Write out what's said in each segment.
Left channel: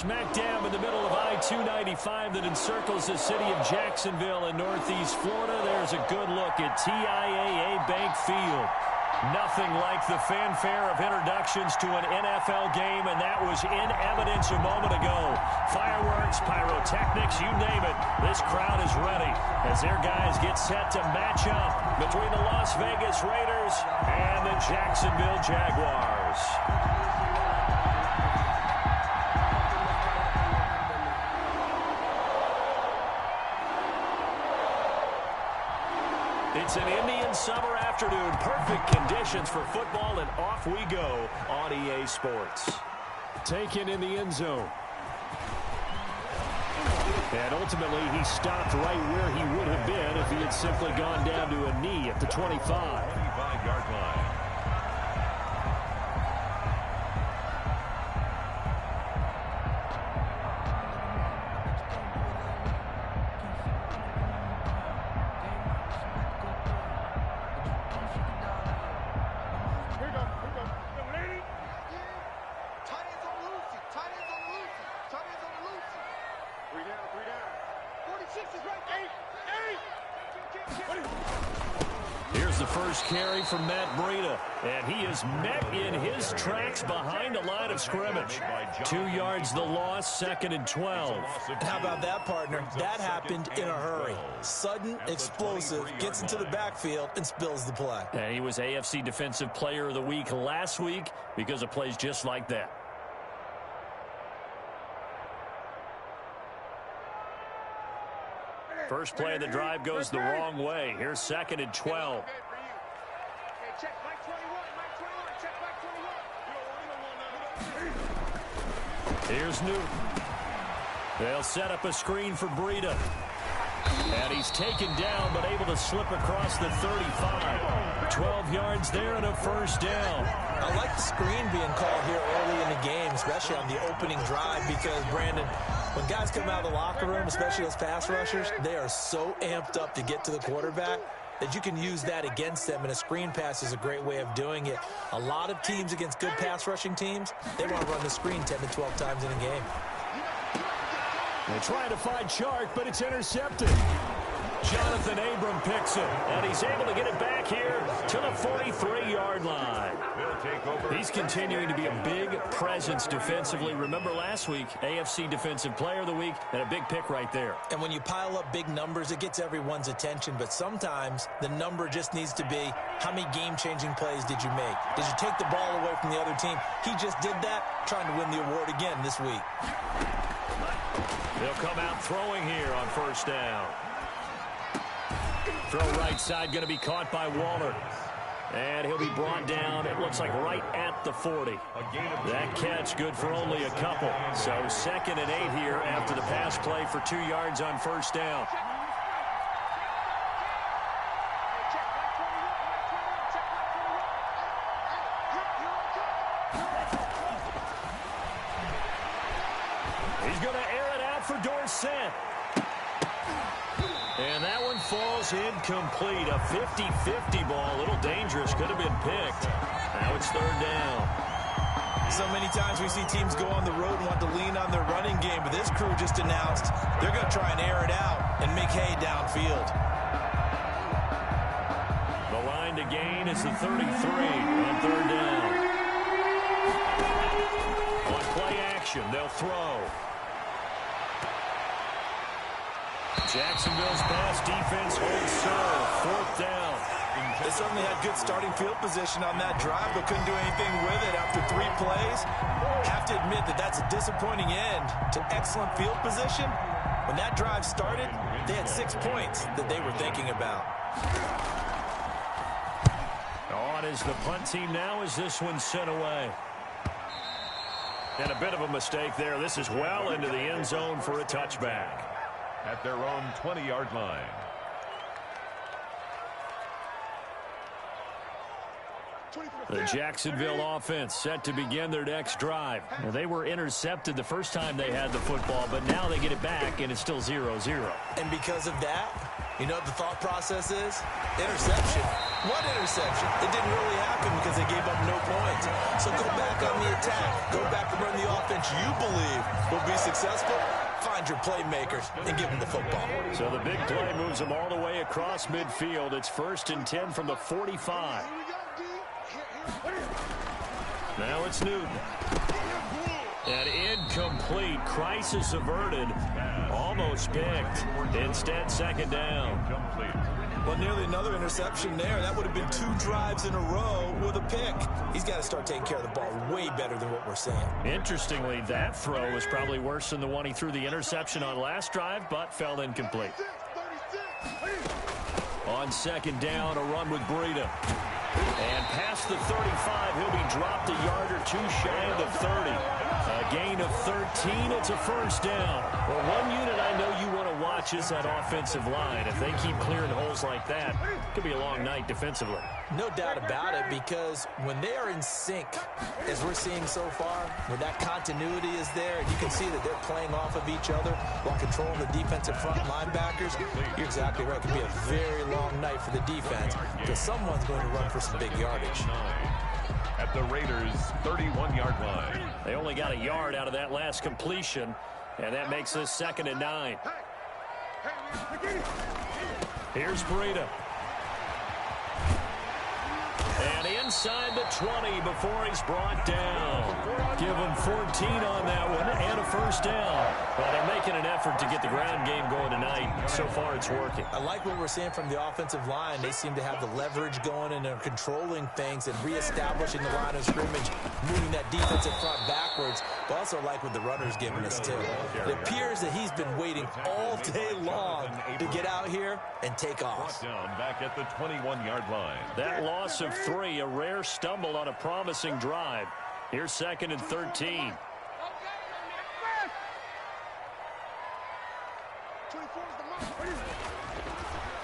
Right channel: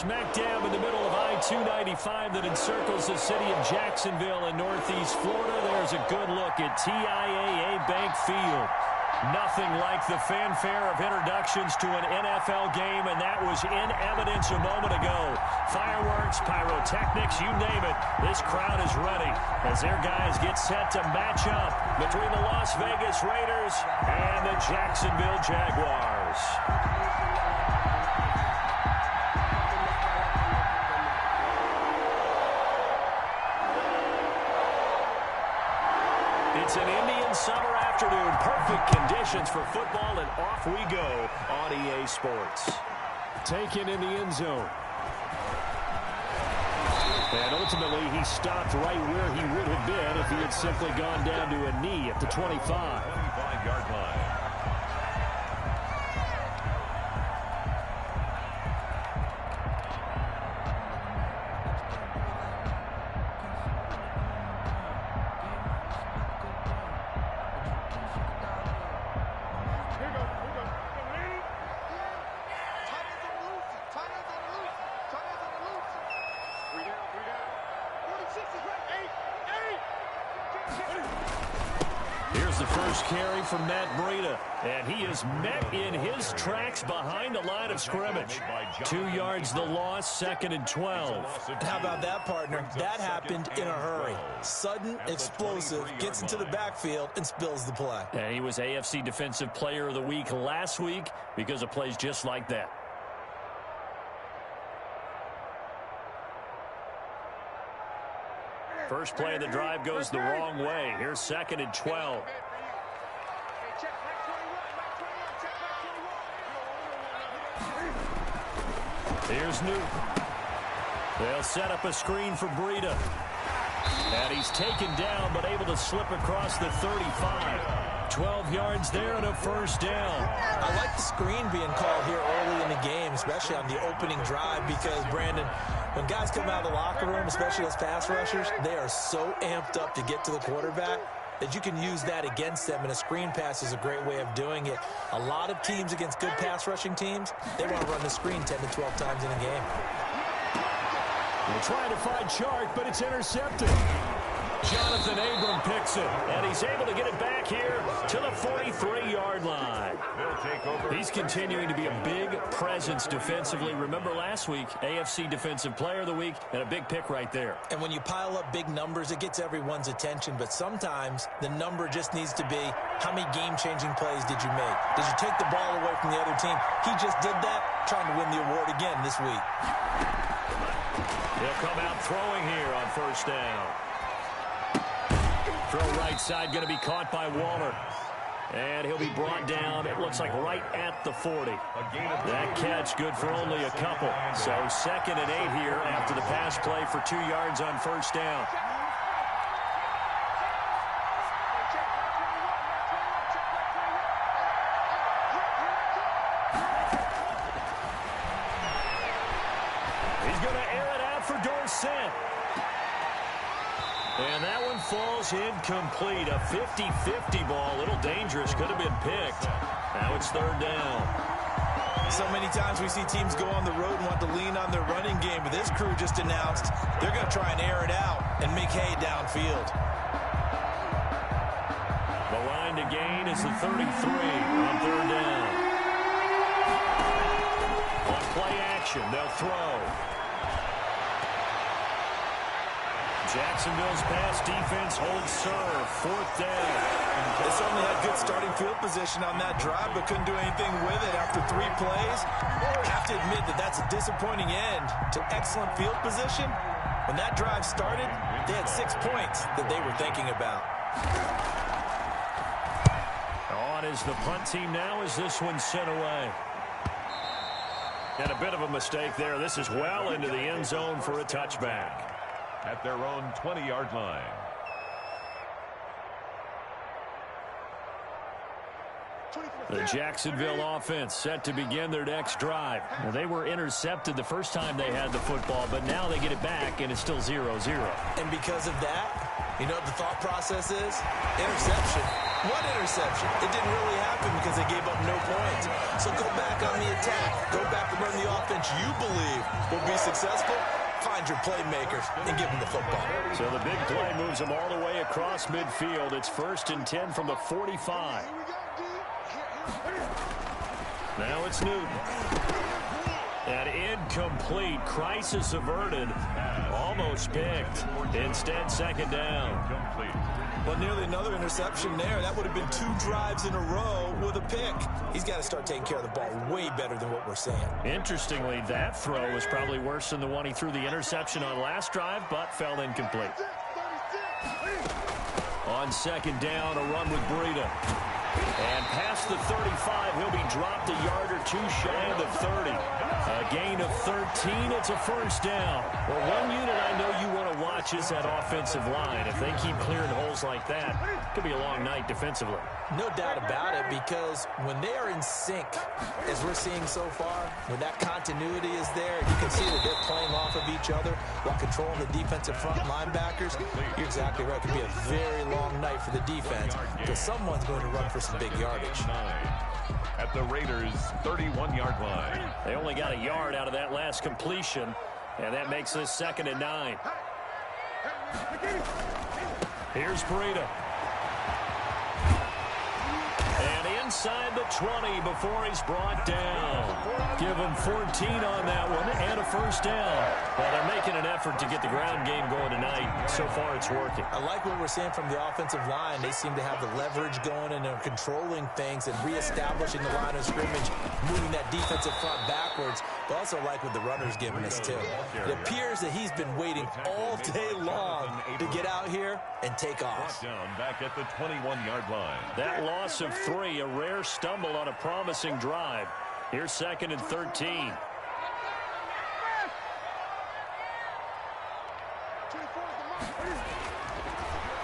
Smack dab in the middle of I-295 that encircles the city of Jacksonville in northeast Florida. There's a good look at TIAA Bank Field. Nothing like the fanfare of introductions to an NFL game, and that was in evidence a moment ago. Fireworks, pyrotechnics, you name it. This crowd is ready as their guys get set to match up between the Las Vegas Raiders and the Jacksonville Jaguars. It's an Indian summer afternoon. Perfect conditions for football, and off we go on EA Sports. Taken in the end zone. And ultimately, he stopped right where he would have been if he had simply gone down to a knee at the 25. 25-yard line. Here's the first carry from Matt Breida, and he is met in his tracks behind the line of scrimmage. 2 yards the loss, 2nd and 12. And how about that, partner? That happened in a hurry. Sudden, explosive, gets into the backfield and spills the play. And he was AFC Defensive Player of the Week last week because of plays just like that. First play of the drive goes the wrong way. Here's 2nd and 12. Here's Newton. They'll set up a screen for Breida. And he's taken down, but able to slip across the 35. 12 yards there and a first down. I like the screen being called here early in the game, especially on the opening drive, because, Brandon, when guys come out of the locker room, especially those pass rushers, they are so amped up to get to the quarterback that you can use that against them, and a screen pass is a great way of doing it. A lot of teams against good pass rushing teams, they want to run the screen 10 to 12 times in a game. They're trying to find Chark, but it's intercepted. Jonathan Abram picks it, and he's able to get it back here to the 43-yard line. He's continuing to be a big presence defensively. Remember last week, AFC Defensive Player of the Week, and a big pick right there. And when you pile up big numbers, it gets everyone's attention, but sometimes the number just needs to be, how many game-changing plays did you make? Did you take the ball away from the other team? He just did that, trying to win the award again this week. He'll come out throwing here on first down. Throw right side going to be caught by Waller. And he'll be brought down, it looks like right at the 40. That catch good for only a couple. So 2nd and 8 here after the pass play for 2 yards on first down. He's going to air it out for Dorsett. And that one falls incomplete. A 50-50 ball. A little dangerous. Could have been picked. Now it's 3rd down. So many times we see teams go on the road and want to lean on their running game, but this crew just announced they're going to try and air it out and make hay downfield. The line to gain is the 33 on 3rd down. On play action, they'll throw. Jacksonville's pass defense holds serve. 4th down. They certainly had good starting field position on that drive, but couldn't do anything with it after 3 plays. Have to admit that that's a disappointing end to excellent field position. When that drive started, they had 6 points that they were thinking about. On is the punt team now as this one's sent away. And a bit of a mistake there. This is well into the end zone for a touchback. At their own 20-yard line. The Jacksonville offense set to begin their next drive. Now, they were intercepted the first time they had the football, but now they get it back, and it's still 0-0. And because of that, you know what the thought process is? Interception. One interception. It didn't really happen because they gave up no points. So go back on the attack. Go back and run the offense you believe will be successful. Find your playmakers and give them the football. So the big play moves them all the way across midfield. It's 1st and 10 from the 45. Now it's Newton. And incomplete. Crisis averted. Almost picked. Instead, 2nd down. Well, nearly another interception there. That would have been 2 drives in a row with a pick. He's got to start taking care of the ball way better than what we're seeing. Interestingly, that throw was probably worse than the one he threw the interception on last drive, but fell incomplete. On 2nd down, a run with Breida. And past the 35, he'll be dropped a yard or 2 shy of the 30. A gain of 13, it's a 1st down. Well, one unit I know you want to watch is that offensive line. If they keep clearing holes like that, it could be a long night defensively. No doubt about it, because when they are in sync, as we're seeing so far, when that continuity is there, you can see that they're playing off of each other while controlling the defensive front linebackers. You're exactly right. It could be a very long night for the defense because someone's going to run for some big yardage. At the Raiders' 31-yard line. They only got a yard out of that last completion, and that makes this 2nd and 9. Here's Breida. And inside the 20 before he's brought down. Give him 14 on that one and a 1st down. Well, they're making an effort to get the ground game going tonight. So far, it's working. I like what we're seeing from the offensive line. They seem to have the leverage going and they're controlling things and reestablishing the line of scrimmage, moving that defensive front backwards. But also like what the runner's giving us, too. It appears that he's been waiting all day long to get out here and take off. Down back at the 21-yard line. That loss of 3, a rare stumble on a promising drive. Here's 2nd and 13.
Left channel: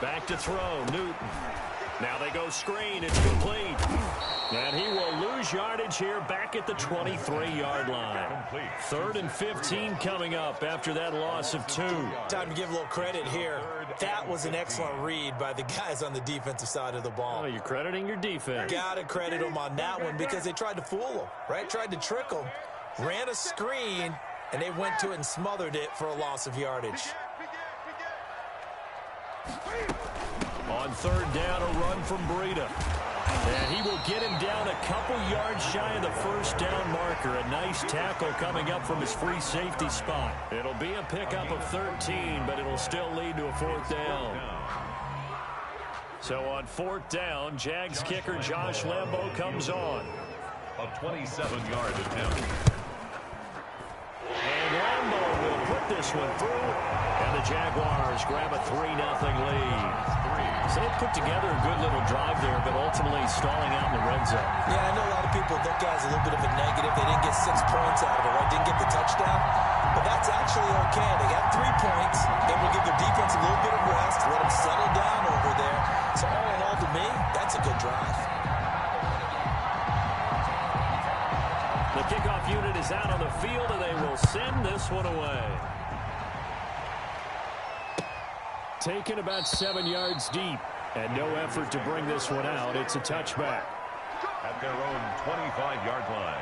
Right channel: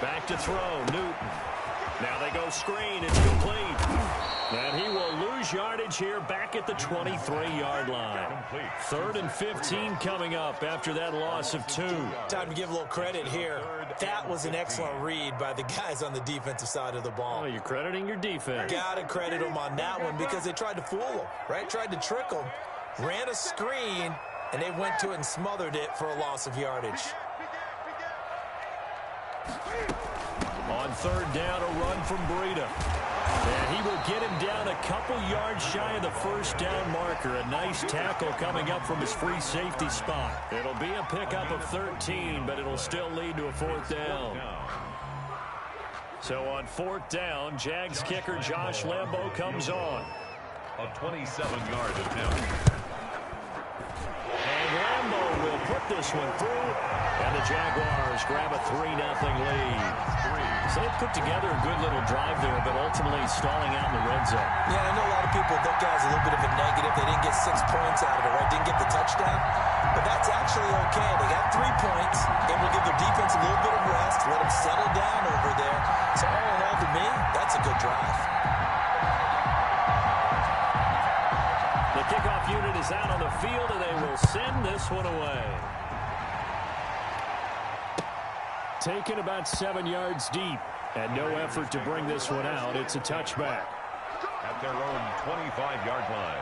Back to throw, Newton. Now they go screen, it's complete. And he will lose yardage here back at the 23-yard line. 3rd and 15 coming up after that loss of 2. Time to give a little credit here. That was an excellent read by the guys on the defensive side of the ball. Oh, you're crediting your defense. Got to credit them on that one because they tried to fool them, right? Tried to trick them, ran a screen, and they went to it and smothered it for a loss of yardage. On 3rd down, a run from Breida. And he will get him down a couple yards shy of the 1st down marker. A nice tackle coming up from his free safety spot. It'll be a pickup of 13, but it'll still lead to a 4th down. So on 4th down, Jags kicker Josh Lambo comes on. A 27-yard attempt. And Lambo will put this one through. And the Jaguars grab a 3-0 lead. So they put together a good little drive there, but ultimately stalling out in the red zone. Yeah, I know a lot of people look at it as a little bit of a negative. They didn't get 6 points out of it, right? Didn't get the touchdown. But that's actually okay. They got 3 points. Able to give their defense a little bit of rest, let them settle down over there. So all in all, to me, that's a good drive. The kickoff unit is out on the field, and they will send this one away. Taken about 7 yards deep, and no effort to bring this one out. It's a touchback. At their own 25-yard line.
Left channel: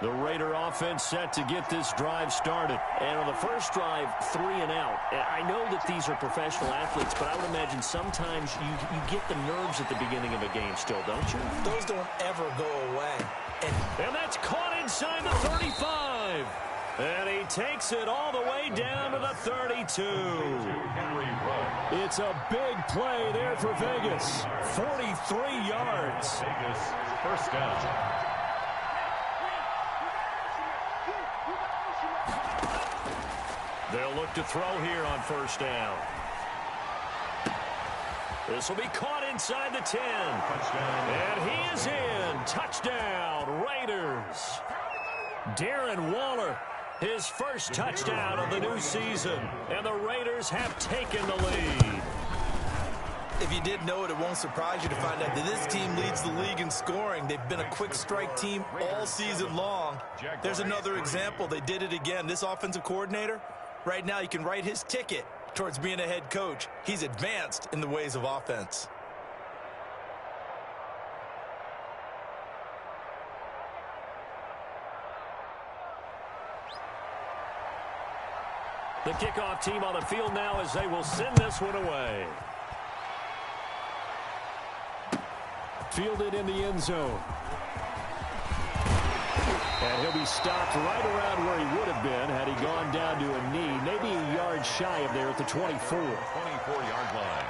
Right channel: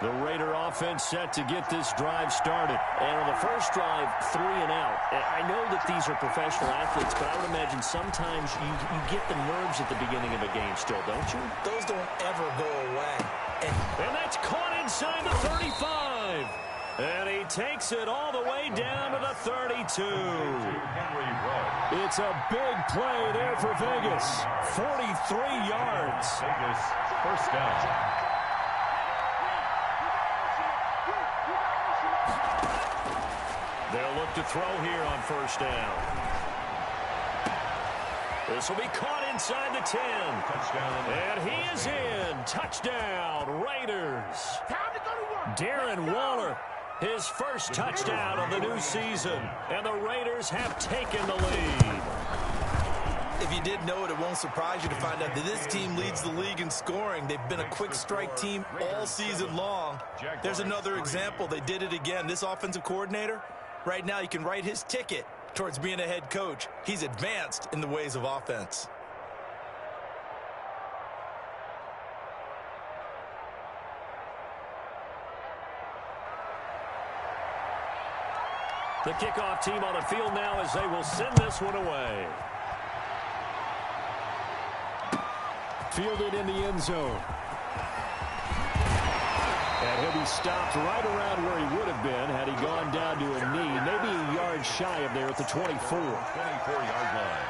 The Raider offense set to get this drive started. And on the first drive, 3 and out. And I know that these are professional athletes, but I would imagine sometimes you get the nerves at the beginning of a game still, don't you? Those don't ever go away. And that's caught inside the 35. And he takes it all the way down to the 32. It's a big play there for Vegas. 43 yards. Vegas, 1st down. They'll look to throw here on 1st down. This will be caught inside the 10. Touchdown. And he is in. Touchdown, Raiders. Darren Waller, his first touchdown of the new season. And the Raiders have taken the lead. If you didn't know it, it won't surprise you to find out that this team leads the league in scoring. They've been a quick strike team all season long. There's another example. They did it again. This offensive coordinator, right now you can write his ticket towards being a head coach. He's advanced in the ways of offense. The kickoff team on the field now as they will send this one away. Fielded in the end zone. And he'll be stopped right around where he would have been had he gone down to a knee, maybe a yard shy of there at the 24. 24-yard line.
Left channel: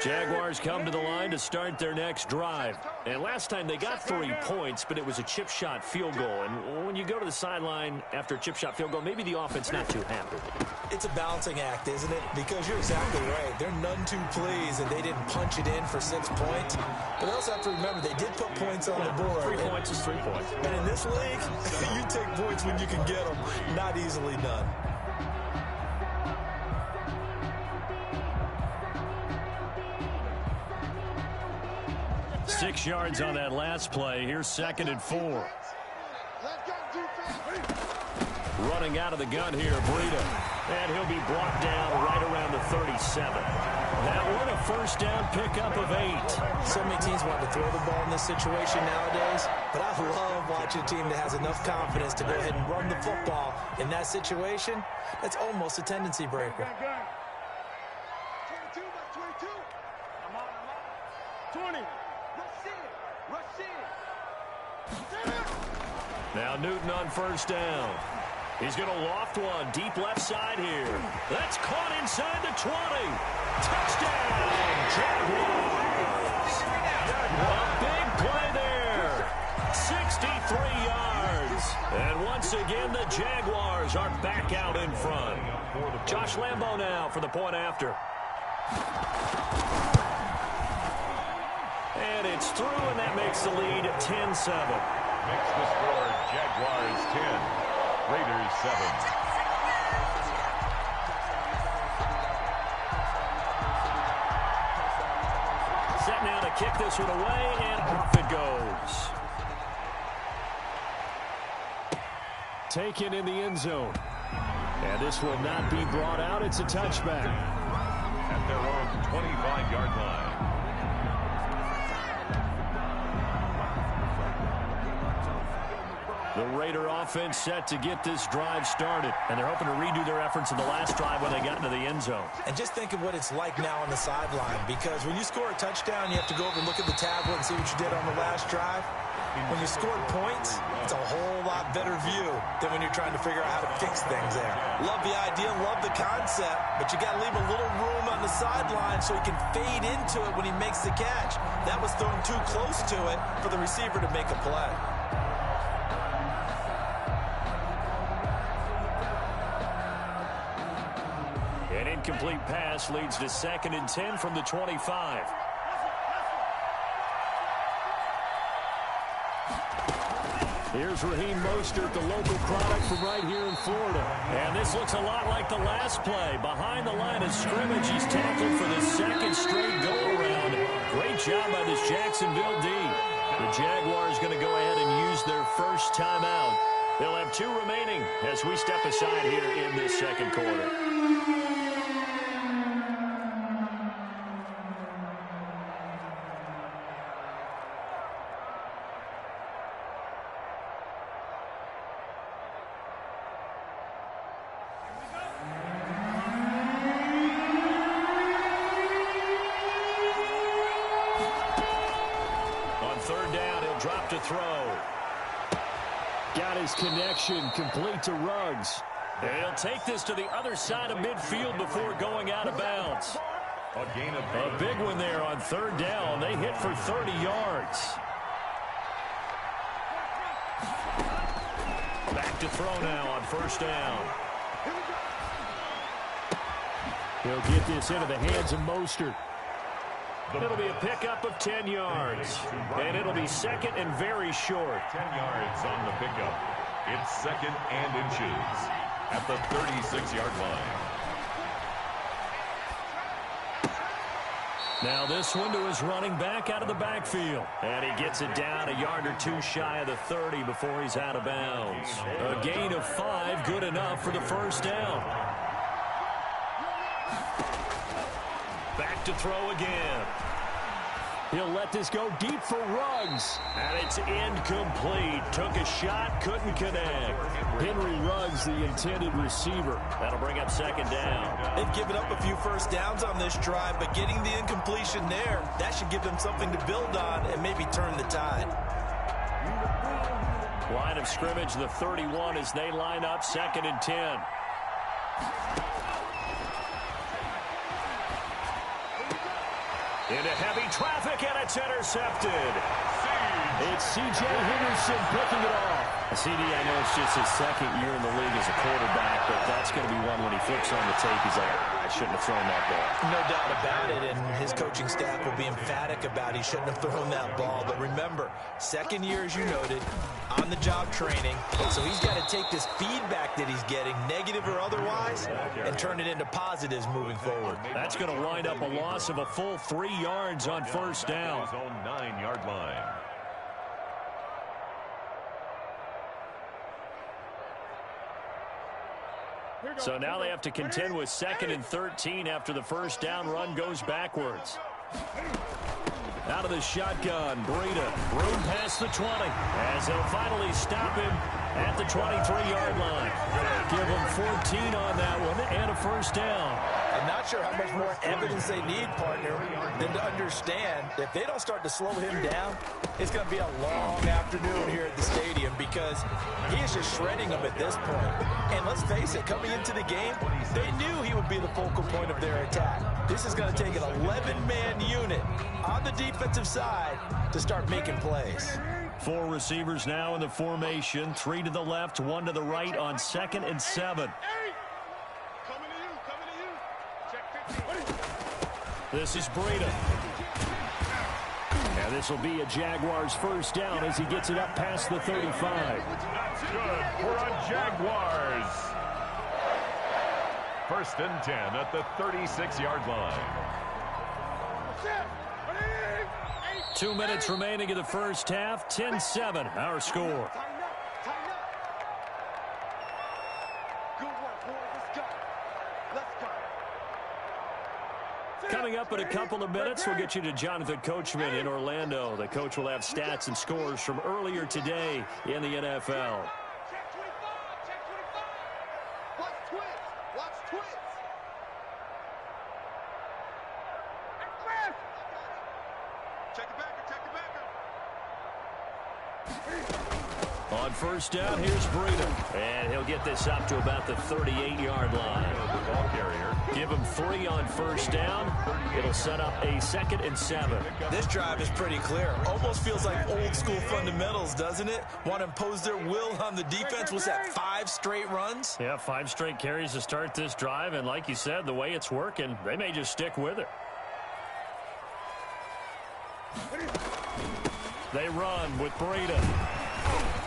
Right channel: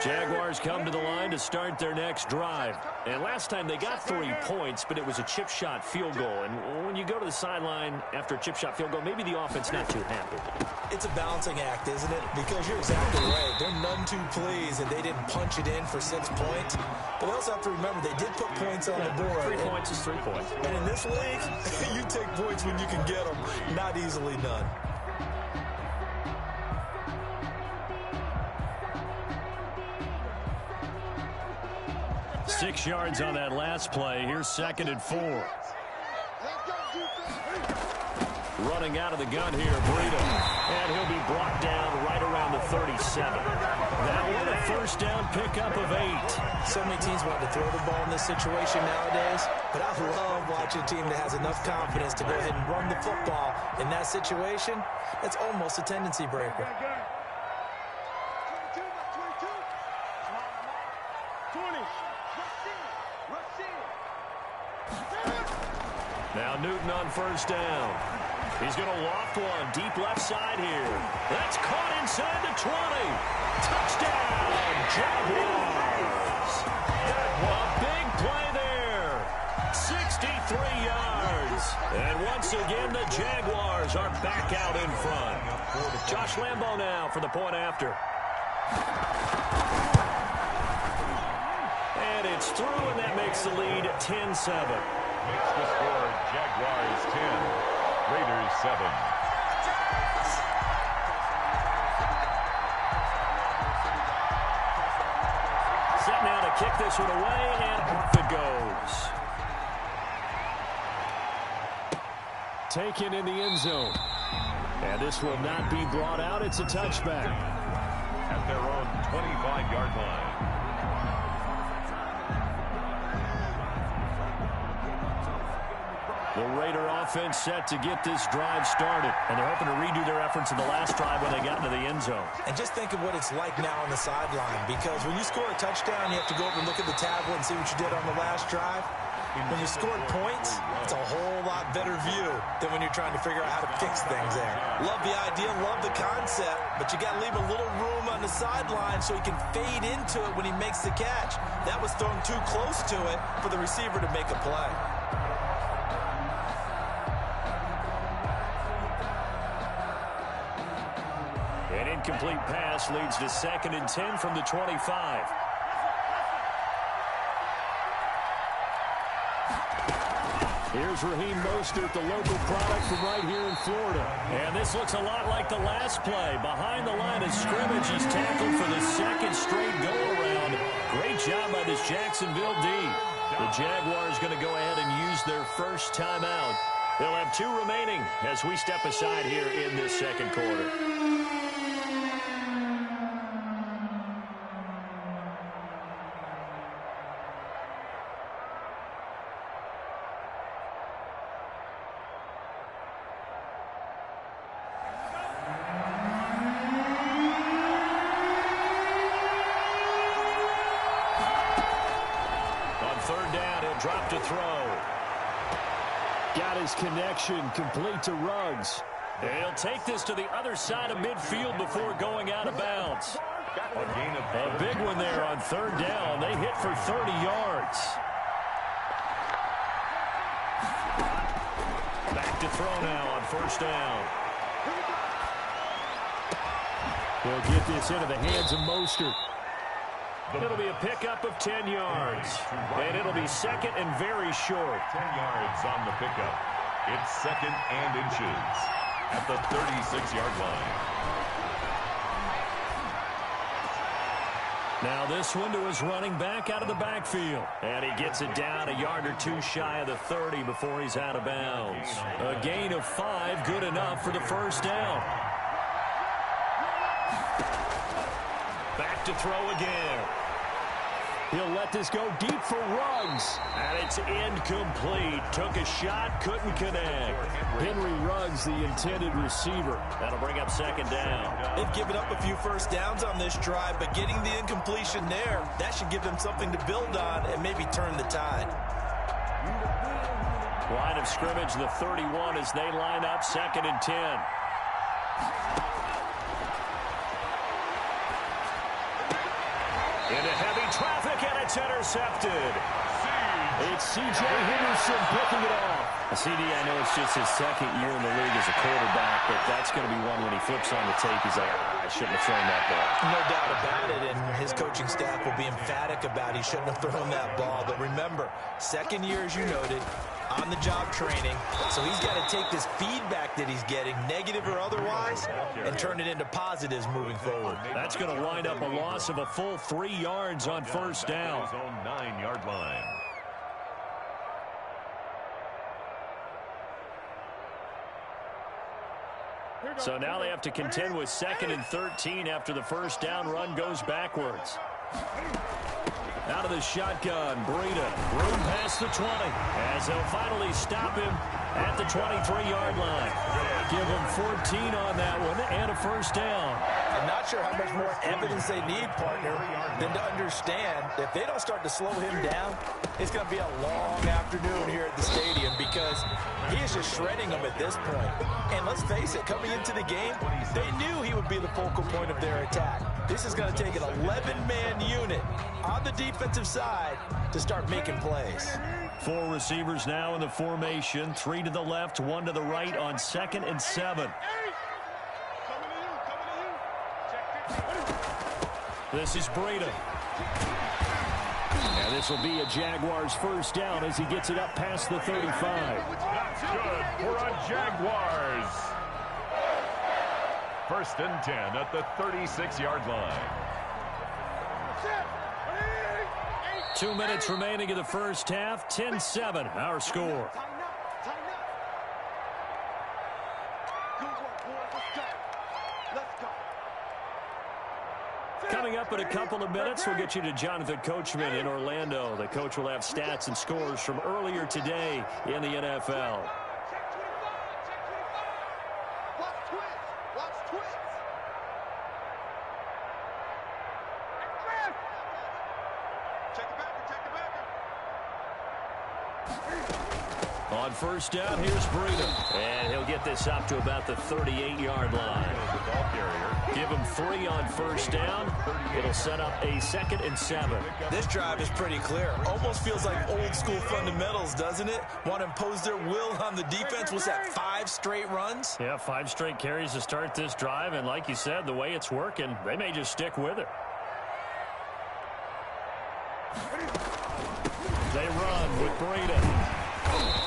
Jaguars come to the line to start their next drive. And last time they got 3 points, but it was a chip shot field goal. And when you go to the sideline after a chip shot field goal, maybe the offense not too happy. It's a balancing act, isn't it? Because you're exactly right. They're none too pleased that they didn't punch it in for 6 points. But they also have to remember they did put points on the board. 3 points is 3 points. And in this league, you take points when you can get them, not easily done. 6 yards on that last play. Here's 2nd and 4. Running out of the gun here, Breida. And he'll be brought down right around the 37. That one a first down pickup of 8. So many teams want to throw the ball in this situation nowadays, but I love watching a team that has enough confidence to go ahead and run the football in that situation. That's almost a tendency breaker. 20. Now Newton on first down. He's going to loft one deep left side here. That's caught inside the 20. Touchdown, Jaguars. A big play there. 63 yards. And once again, the Jaguars are back out in front. Josh Lambo now for the point after. And it's through, and that makes the lead 10-7. Makes the score Jaguars 10, Raiders 7. Set now to kick this one away, and off it goes. Taken in the end zone. And this will not be brought out. It's a touchback. At their own 25-yard line. The Raider offense set to get this drive started. And they're hoping to redo their efforts in the last drive when they got into the end zone. And just think of what it's like now on the sideline. Because when you score a touchdown, you have to go over and look at the tablet and see what you did on the last drive. When you scored points, it's a whole lot better view than when you're trying to figure out how to fix things there. Love the idea, love the concept, but you got to leave a little room on the sideline so he can fade into it when he makes the catch. That was thrown too close to it for the receiver to make a play. An incomplete pass leads to 2nd and 10 from the 25. Here's Raheem Mostert, the local product from right here in Florida. And this looks a lot like the last play. Behind the line of scrimmage, he's tackled for the 2nd straight go-around. Great job by this Jacksonville D. The Jaguars going to go ahead and use their first timeout. They'll have 2 remaining as we step aside here in this 2nd quarter. Drop to throw. Got his connection complete to Ruggs. And he'll take this to the other side of midfield before going out of bounds. A big one there on 3rd down. They hit for 30 yards. Back to throw now on 1st down. He'll get this into the hands of Mostert. It'll be a pickup of 10 yards. And it'll be 2nd and very short. 10 yards on the pickup. It's 2nd and inches at the 36-yard line. Now this one to his running back out of the backfield. And he gets it down a yard or two shy of the 30 before he's out of bounds. A gain of 5, good enough for the first down. Back to throw again. He'll let this go deep for Ruggs. And it's incomplete. Took a shot, couldn't connect. Henry Ruggs, the intended receiver. That'll bring up second down. They've given up a few first downs on this drive, but getting the incompletion there, that should give them something to build on and maybe turn the tide. Line of scrimmage, the 31 as they line up, 2nd and 10. Into heavy traffic, and it's intercepted. It's C.J. Henderson picking it off. CD, I know it's just his 2nd year in the league as a quarterback, but that's going to be one when he flips on the tape. He's like, I shouldn't have thrown that ball. No doubt about it, and his coaching staff will be emphatic about he shouldn't have thrown that ball. But remember, 2nd year, as you noted, on-the-job training. So he's got to take this feedback that he's getting, negative or otherwise, and turn it into positives moving forward. That's going to wind up a loss of a full 3 yards on first down. His own 9-yard line. So now they have to contend with 2nd and 13 after the first down run goes backwards. Out of the shotgun, Breida, room past the 20, as they'll finally stop him at the 23-yard line. Give him 14 on that one and a first down. I'm not sure how much more evidence they need, partner, than to understand if they don't start to slow him down, it's going to be a long afternoon here at the stadium because he is just shredding them at this point. And let's face it, coming into the game, they knew he would be the focal point of their attack. This is going to take an 11-man unit on the defensive side to start making plays. 4 receivers now in the formation, 3 to the left, 1 to the right on 2nd and 7. This is Breida. And this will be a Jaguars first down as he gets it up past the 35. That's good for a Jaguars. 1st and 10 at the 36-yard line. 2 minutes remaining in the first half. 10-7, our score. Coming up in a couple of minutes, we'll get you to Jonathan Coachman in Orlando. The coach will have stats and scores from earlier today in the NFL. Check 25, check 25. Watch twins, watch twins. Hey, Chris! Check the backer, check the backer. On first down, here's Breida. And he'll get this up to about the 38-yard line. The ball carrier. Give him 3 on first down. It'll set up a 2nd and 7. This drive is pretty clear. Almost feels like old school fundamentals, doesn't it? Want to impose their will on the defense. Was that 5 straight runs? Yeah, 5 straight carries to start this drive. And like you said, the way it's working, they may just stick with it. They run with Breida.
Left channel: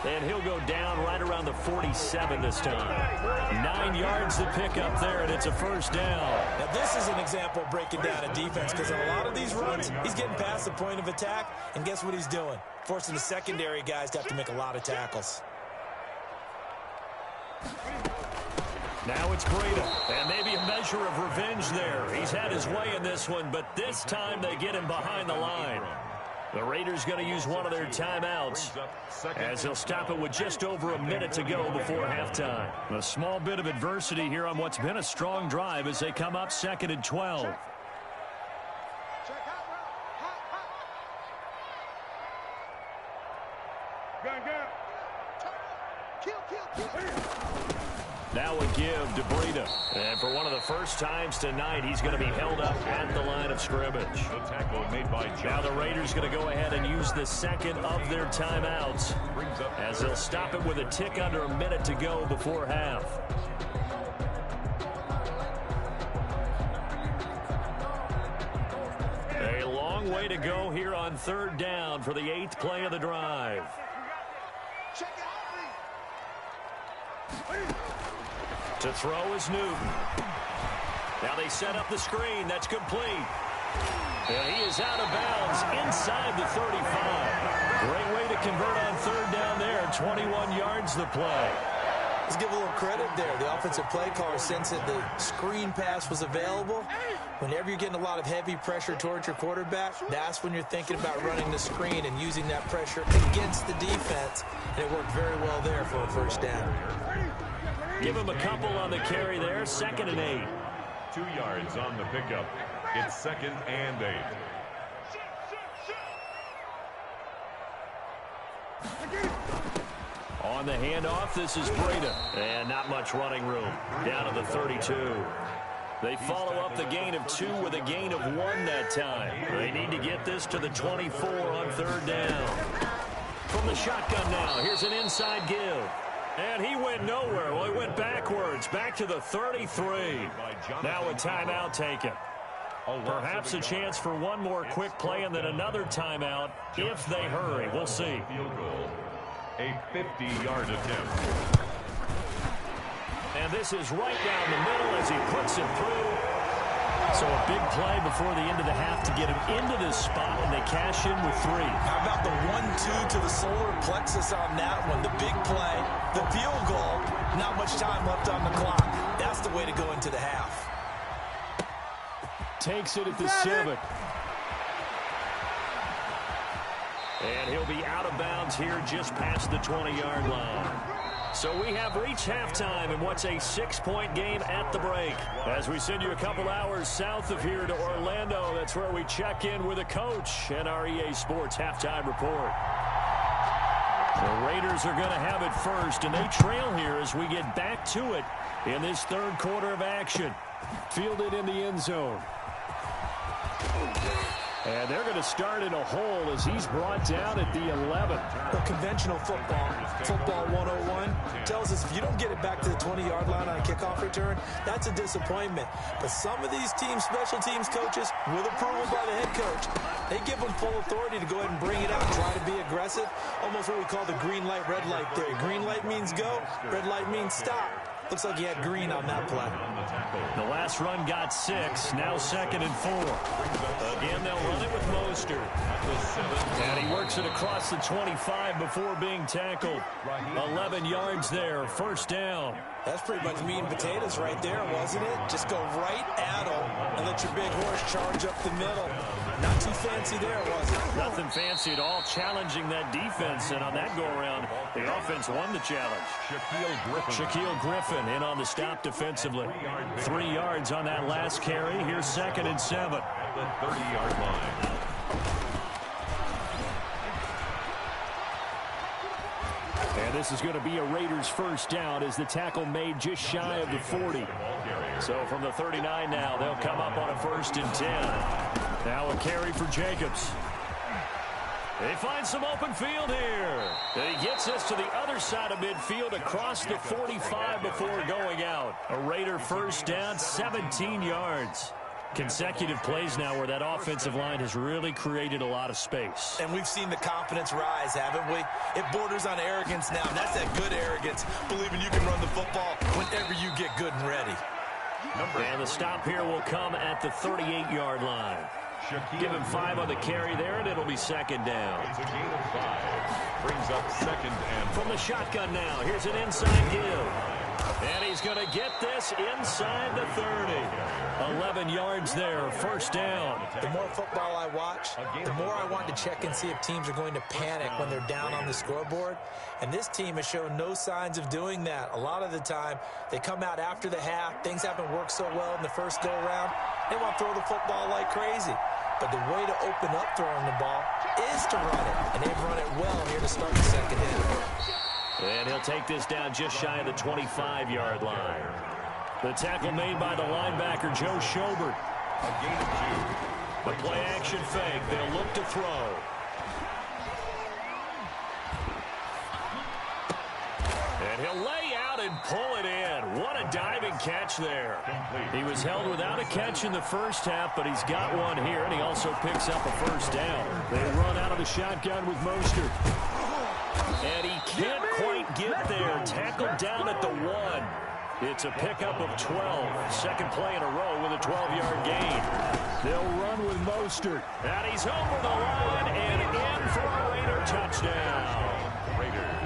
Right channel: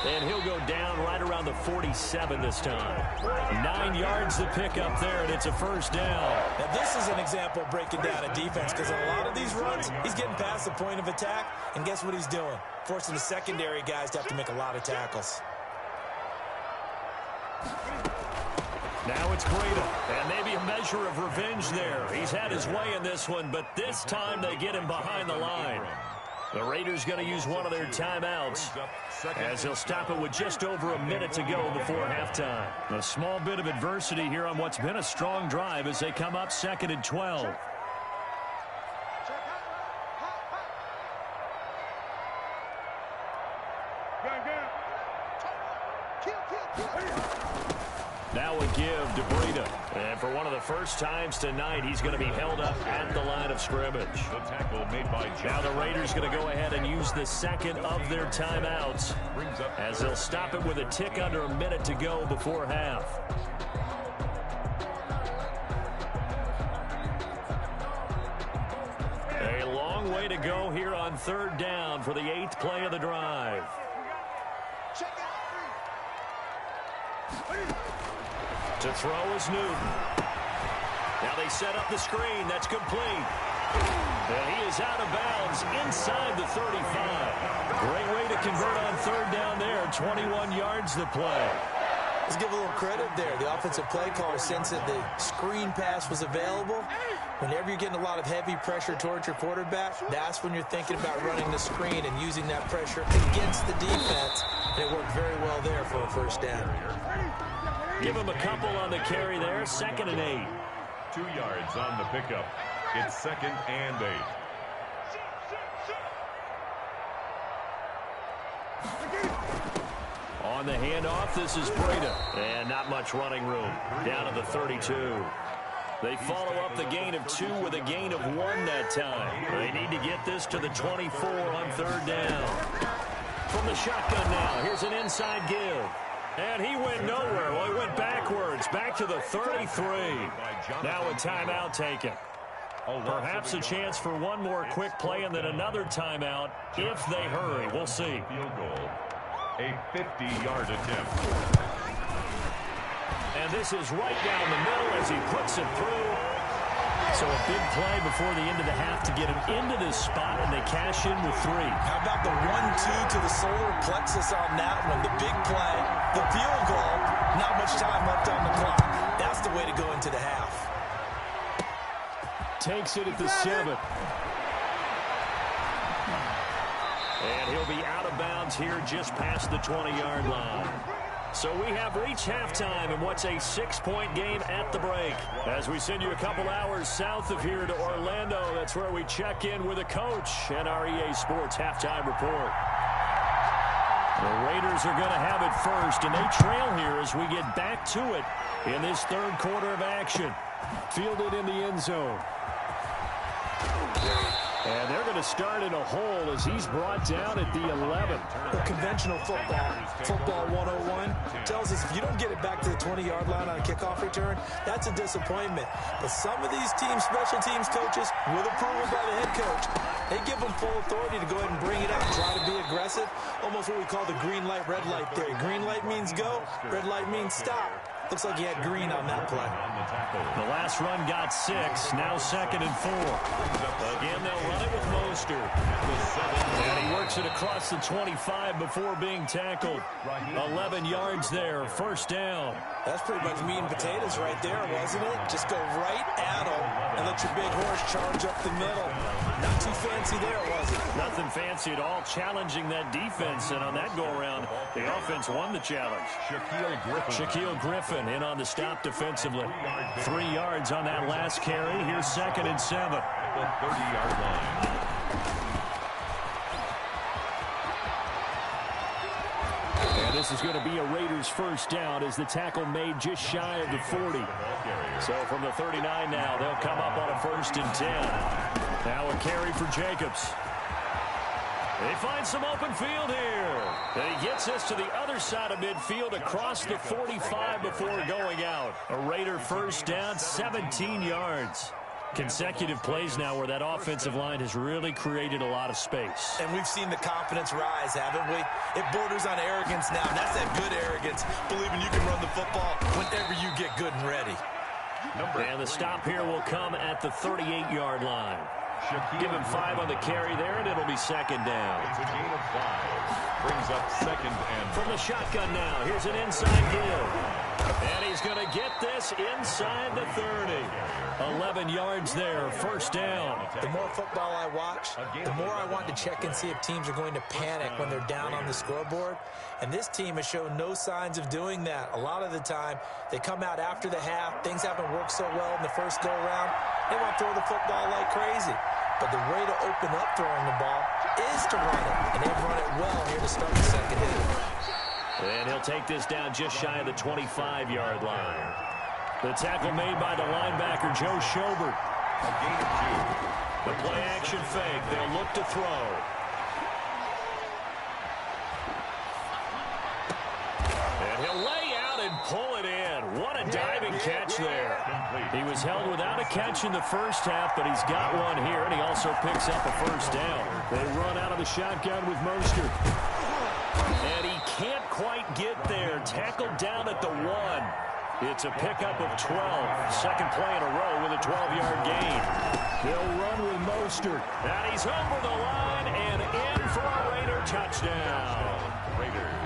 And he'll go down right around the 47 this time. 9 yards to pick up there, and it's a first down. Now, this is an example of breaking down a defense because in a lot of these runs, he's getting past the point of attack, and guess what he's doing? Forcing the secondary guys to have to make a lot of tackles. Now it's Breida, and maybe a measure of revenge there. He's had his way in this one, but this time they get him behind the line. The Raiders going to use one of their timeouts as they'll stop it with just over a minute to go before halftime. A small bit of adversity here on what's been a strong drive as they come up 2nd and 12. Now a give to Breida. And for one of the first times tonight, he's going to be held up at the line of scrimmage. The tackle made by John. Now the Raiders going to go ahead and use the second of their timeouts as they'll stop it with a tick under a minute to go before half. A long way to go here on 3rd down for the 8th play of the drive. To throw is Newton. Now they set up the screen. That's complete. And he is out of bounds inside the 35. Great way to convert on third down there. 21 yards the play. Let's give a little credit there. The offensive play caller sensed that the screen pass was available. Whenever you're getting a lot of heavy pressure towards your quarterback, that's when you're thinking about running the screen and using that pressure against the defense. And it worked very well there for a first down. Give him a couple on the carry there. 2nd and 8. 2 yards on the pickup. It's 2nd and 8. On the handoff, this is Breda. And not much running room. Down to the 32. They follow up the gain of 2 with a gain of 1 that time. They need to get this to the 24 on third down. From the shotgun now, here's an inside give. And he went nowhere. Well, he went backwards, back to the 33. Now a timeout taken. Perhaps a chance for one more quick play and then another timeout if they hurry. We'll see. Field goal. A 50-yard attempt. And this is right down the middle as he puts it through. So a big play before the end of the half to get him into this spot, and they cash in with 3. How about the 1-2 to the solar plexus on that one? The big play, the field goal, not much time left on the clock. That's the way to go into the half. Takes it at the 7. And he'll be out of bounds here just past the 20-yard line. So we have reached halftime in what's a 6-point game at the break. As we send you a couple hours south of here to Orlando, that's where we check in with a coach and our EA Sports halftime report. The Raiders are going to have it first, and they trail here as we get back to it in this third quarter of action. Fielded in the end zone. And they're going to start in a hole as he's brought down at the 11. Well, conventional football 101, tells us if you don't get it back to the 20-yard line on a kickoff return, that's a disappointment. But some of these team special teams coaches, with approval by the head coach, they give them full authority to go ahead and bring it out and try to be aggressive. Almost what we call the green light, red light theory. Green light means go, red light means stop. Looks like he had green on that play. The last run got 6. Now 2nd and 4. Again, they'll run it with Mostert. And he works it across the 25 before being tackled. 11 yards there. First down. That's pretty much meat and potatoes right there, wasn't it? Just go right at him and let your big horse charge up the middle. Not too fancy there, was it? Nothing fancy at all, challenging that defense. And on that go-around, the offense won the challenge. Shaquille Griffin in on the stop defensively. 3 yards on that last carry. Here's 2nd and 7. At the 30-yard line. And this is going to be a Raiders first down as the tackle made just shy of the 40. So from the 39 now, they'll come up on a 1st and 10. Now a carry for Jacobs. They find some open field here. And he gets us to the other side of midfield across the 45 before going out. A Raider first down, 17 yards. Consecutive plays now where that offensive line has really created a lot of space. And we've seen the confidence rise, haven't we? It borders on arrogance now, and that's that good arrogance, believing you can run the football whenever you get good and ready. And the stop here will come at the 38-yard line. Give him 5 on the carry there, and it'll be 2nd down. It's a gain of 5. Brings up 2nd and... From the shotgun now, here's an inside give. And he's going to get this inside the 30. 11 yards there, first down. The more football I watch, the more I want to check and see if teams are going to panic when they're down on the scoreboard. And this team has shown no signs of doing that. A lot of the time, they come out after the half. Things haven't worked so well in the first go-around. They want to throw the football like crazy. But the way to open up throwing the ball is to run it. And they've run it well here to start the second half. And he'll take this down just shy of the 25-yard line. The tackle made by the linebacker, Joe Schobert. A gain of 2. The play action fake. They'll look to throw. And he'll lay out and pull it in. What a diving catch there. He was held without a catch in the first half, but he's got one here, and he also picks up a first down. They run out of the shotgun with Mostert. And he can't quite get there. Tackled down at the 1. It's a pickup of 12. Second play in a row with a 12-yard gain. They'll run with Mostert. And he's over the line and in for a Raider touchdown.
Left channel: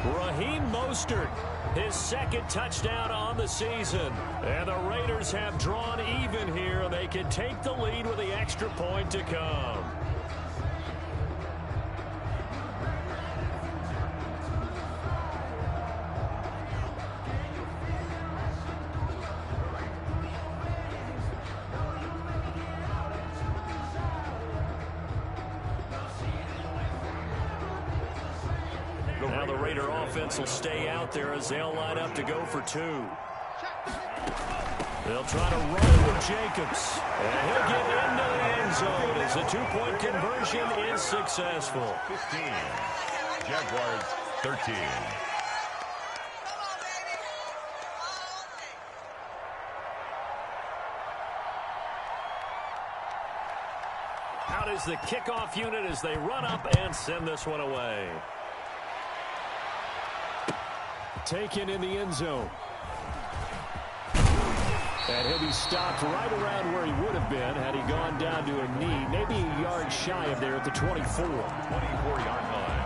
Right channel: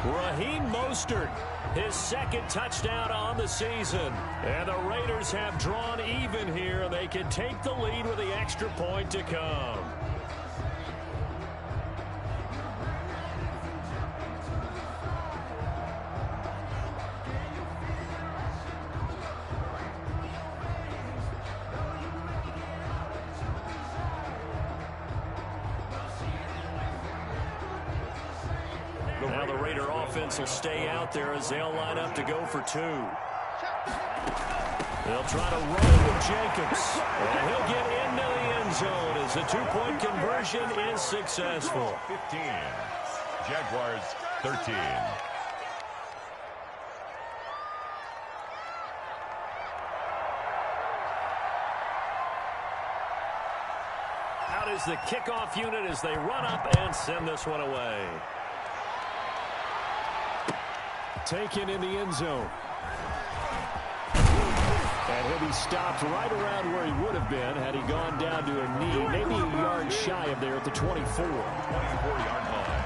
Raheem Mostert, his second touchdown on the season. And the Raiders have drawn even here. They can take the lead with the extra point to come. Now the Raider offense will stay out there as they'll line up to go for two. They'll try to run with Jacobs. And he'll get into the end zone as the two-point conversion is successful. 15. Jaguars 13. Out is the kickoff unit as they run up and send this one away. Taken in the end zone. And he'll be stopped right around where he would have been had he gone down to a knee, maybe a yard shy of there at the 24. 24-yard line.